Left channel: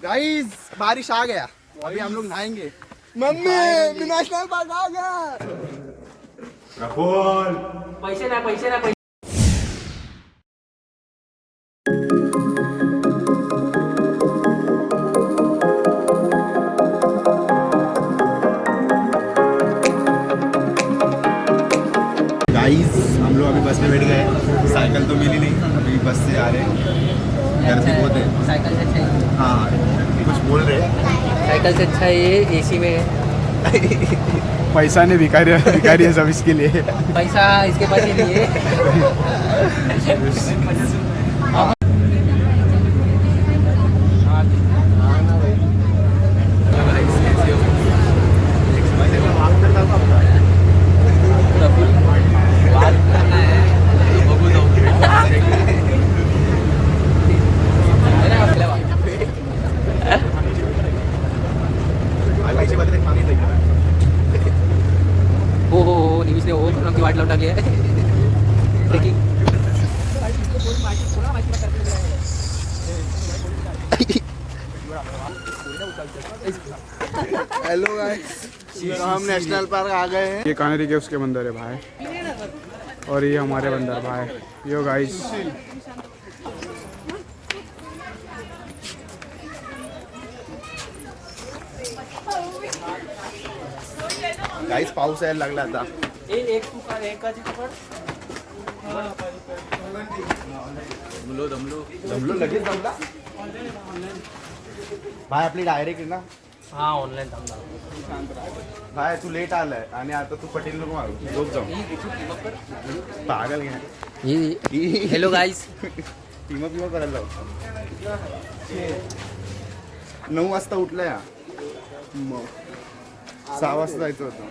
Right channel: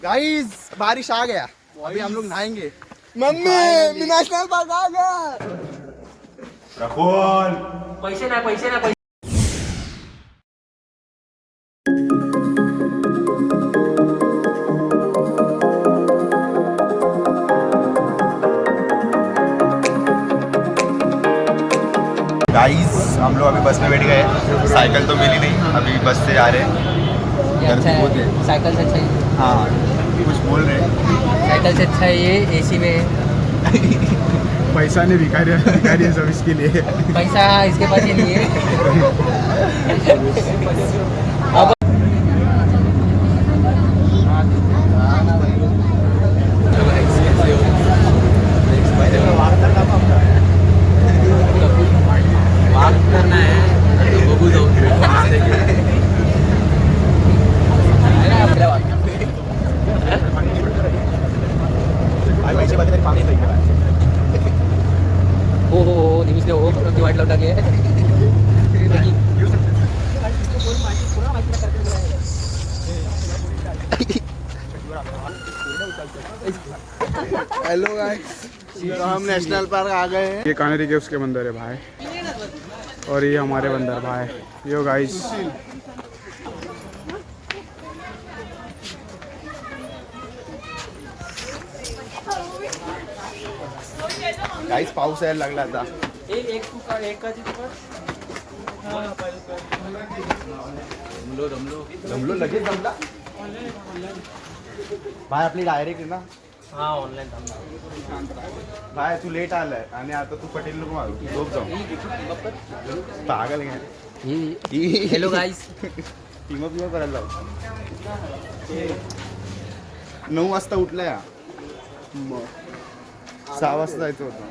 Guys बारिश आ गया, अभी हम लोग नहाएंगे। मम्मी मी नेशनल पार्क आ गया। राहुल पैसे ना पैसे गाइस हम लोग अभी बस में बैठ गए, साइकिल तो मिली नहीं, अभी बस से आ रहे हैं। साइकिल से अच्छा है। हाँ कुछ बोल रहे हैं। साइकिल से अच्छा है ये एसी में है। पैसा नहीं भिखारी है सब इसके लिए। पैसा इसके पास ही नहीं है। हो निमिष ने हो की वाट लावून टाकली हेलो गाइस, तो हम नेशनल पार्क आ गए हैं। ये कानेरी के उसके बंदर है भाई, और ये हमारे बंदर भाई। यो गाइस गाइस पाऊस यायला लागला आता। जमलो लगेच जमला भाई, आपली डायरेक्ट आहे ना। हाँ ऑनलाइन भाई तू लेट आलाय आणि आता तू पटेल नको मारू, झोप जाऊ। पागल घ्या हेलो गाइस, टीम अप करायला लाव। 9 वाजता उठला या, 6 वाजता जायचं होतं।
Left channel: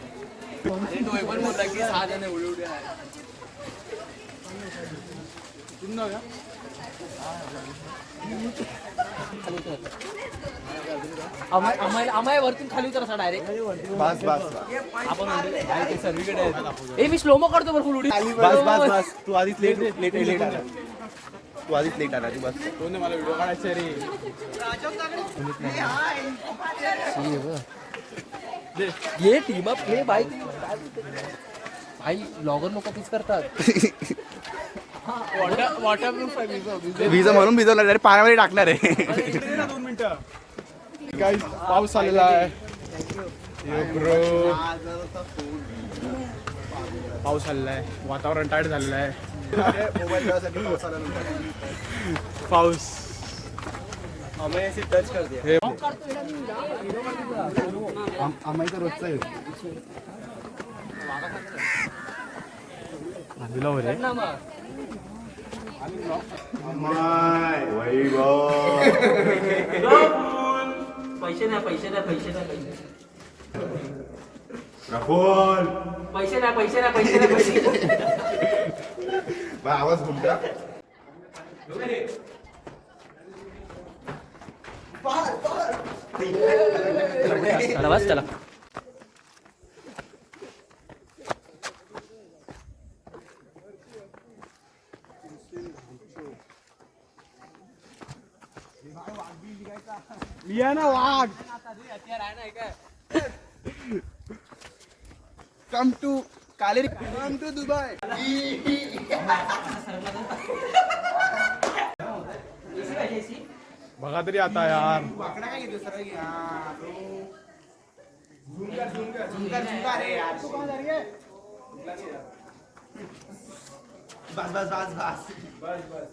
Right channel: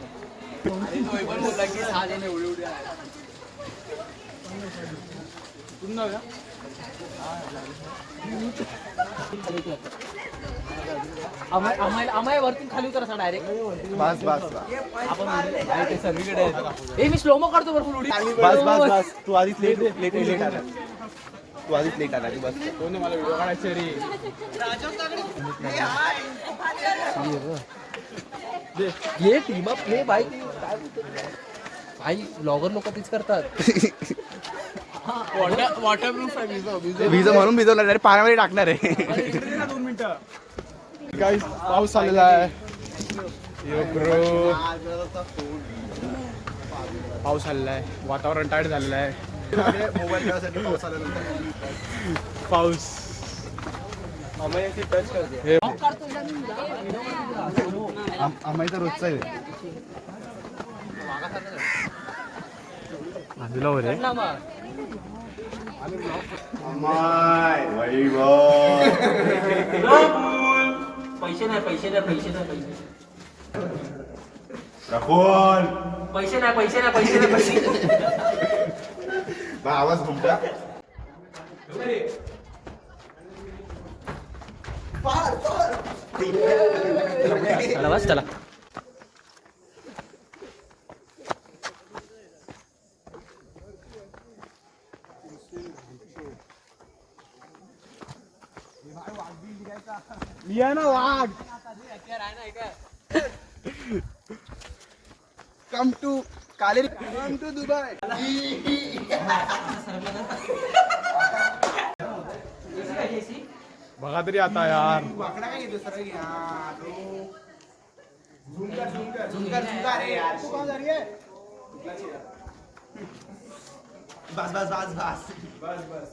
आम्हाला वरतून खाली उतर असा डायरेक्ट। बस बस बस मी स्लोमो करतो भरपूर उडी। बस बस बस, तू आधीच लेट आला, तू आधीच लेट आला, तू बस। मला व्हिडिओ काढायचा रे। ये टीम अप हे भाई भाई ब्लॉगर लोक तीच करतात। भिजो म्हणून भिजवला, अरे पाण्यामध्ये टाकणार आहे। गाइस पाऊस आलेला आहे। यो ब्रो पाऊस आलेला आहे, वातावरण टाईट झालेलं आहे। मोबाईल खेळासाठी पाऊस आल्यानंतर पाऊस हे आम्ही तर रोजचं आहे। दिला हो रे पैसे नाही पैसे नाही पैसे नाही राहुल पैसे नाही पैसे नाही पैसे नाही पैसे। आवाज घुमता। चला बस चला। मी आहे ना वाघ। कम टू कालेरी, कम टू दुबई। बघा तरी आता यार। बस बस बस बस बस बस।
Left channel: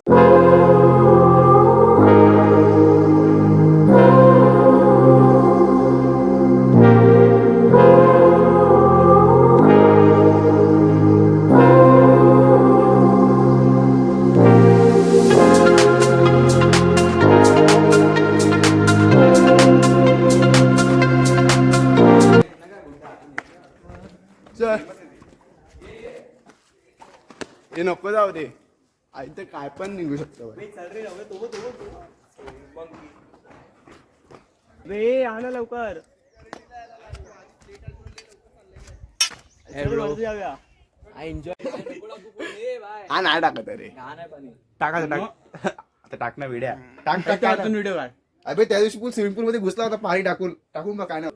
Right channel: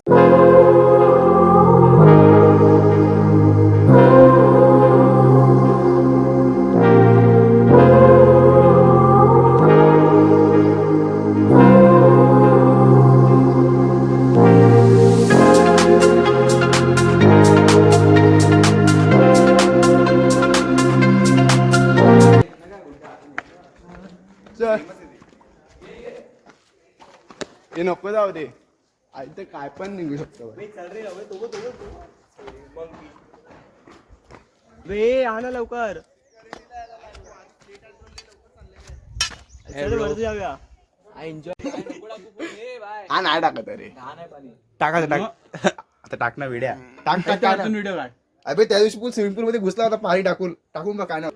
हे नको जाऊ दे, आई तर काय पण निघू शकतो रे। आला लवकर। हा नाही टाकत रे, टाकायचं टाक आता, टाक ना व्हिडिओ, टाक व्हिडिओ काढ। अबे त्या दिवशी पूल स्विमिंग पूल मध्ये घुसला होता पाणी टाकून का काय ना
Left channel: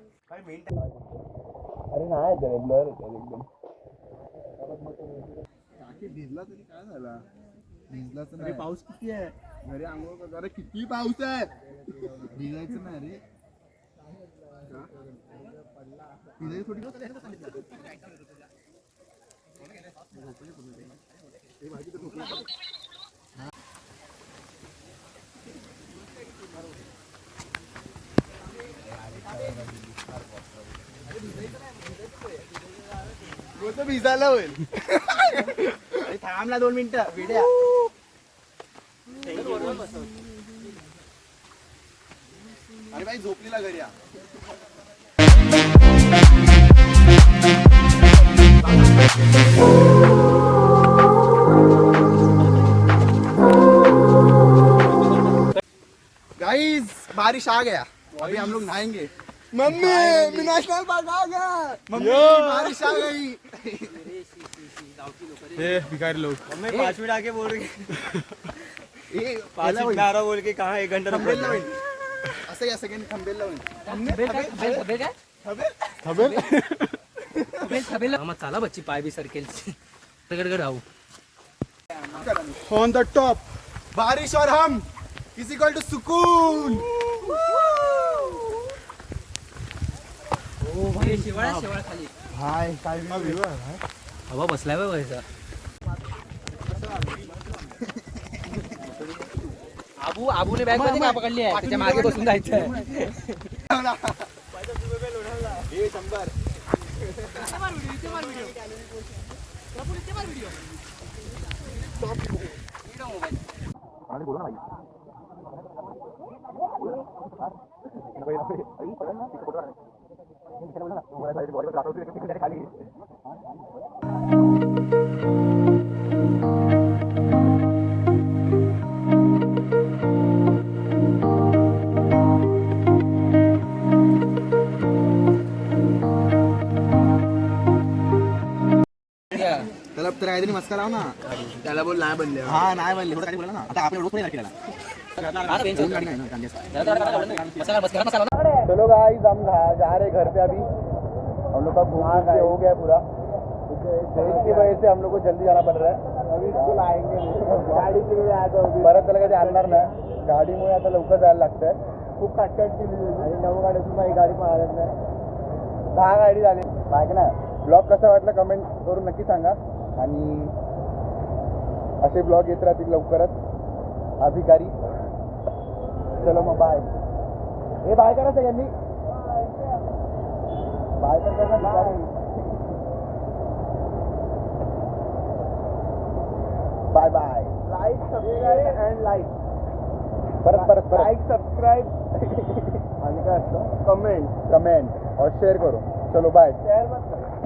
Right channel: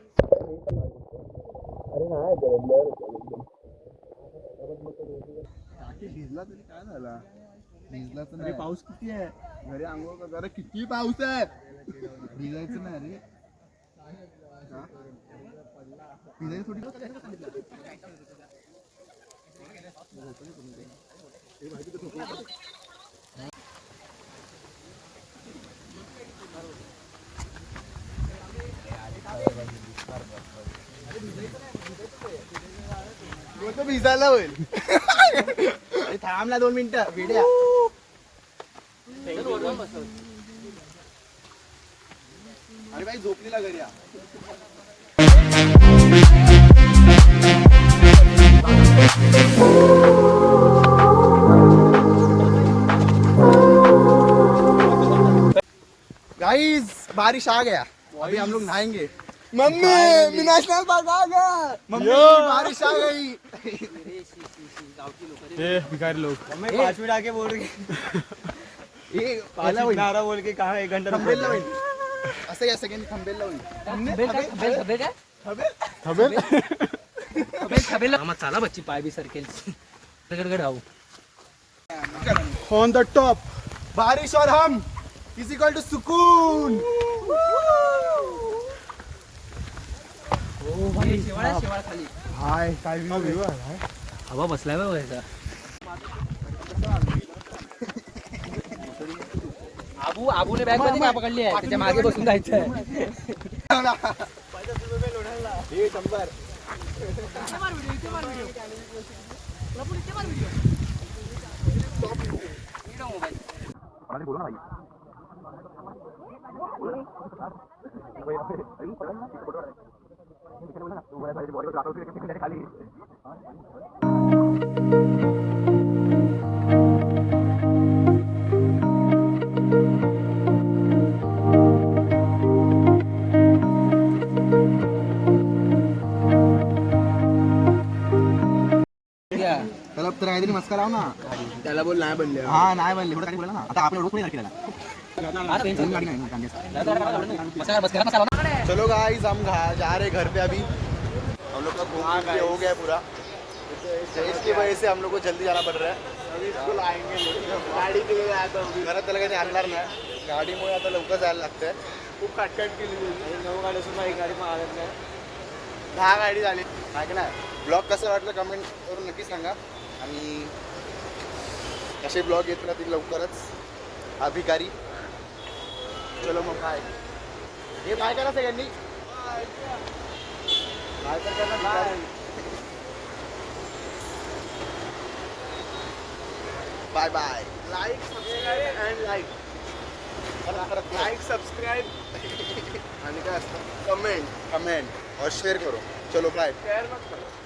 भिजला तरी काय झाला भिजलाच नाही पाऊस किती आहे घरी आंघोळ कर अरे किती पाऊस आहे भिजायचं नाही रे बोलतो भिजायला होईल थांबला 2 मिनिटं भेड्या अरे भाई झोपलेला घरी गाइस बारिश आ गया अभी हम लोग नहाएंगे मम्मी मैं नेशनल पार्क आ गया मम्मी बारिश आ गई ये भिखारी लोग मम्मी 5 मिनट आके बोल रही ये पहला बोल के कहा 1 घंटा थंबनेल लावून असं या सेकंड थंबनेल लावून मामा चला बच्ची पाय बी सरकेल ऑन द टॉप बारिश और हम इज इक्वल टू सुकून भाई शेवाळ खाली हाय काय व्ह्यू आहे भाई हवा बसल्यावर बघायचं आबूने बॅग मध्ये काय पकडली आहे त्याच्या मागे बसून जायचं आहे हे 100 त्याला तर काहीतरी मस्का लाव ना त्याला बोल नाही बनले हा नाही बनले एवढं काही बोला ना आता आपण एवढं कोणी केला गाड़ी नहीं ना चलो गाइस हम जा रहे घर पे अभी हम लोग का घूम के हो गया पूरा इसकी वजह से हम लोग को जल्दी जाना पड़ रहा है अभी स्कूल आएंगे गाड़ी के लिए आता होगी परत त्याला काही आणणार नाही गाडीमुळे आता लवकर जायला लागतंय खूप काटकाट केली आणि 9 गाडी सुद्धा ही गाडी पण आलेत नाही 10 गाडी झाली काय ना ब्लॉग कसा वाटला कमेंट करून नक्की सांगा आणि असे ब्लॉग येत राहतील लवकरच अभिकारी चलो मग बाय हे बाय करा सगळ्यांनी बाय तर करा bye bye like subscribe and like परत लाईक सबस्क्राईब आणि काय असतं कमेंट और शेअर करो चलो बाय शेअर मत करो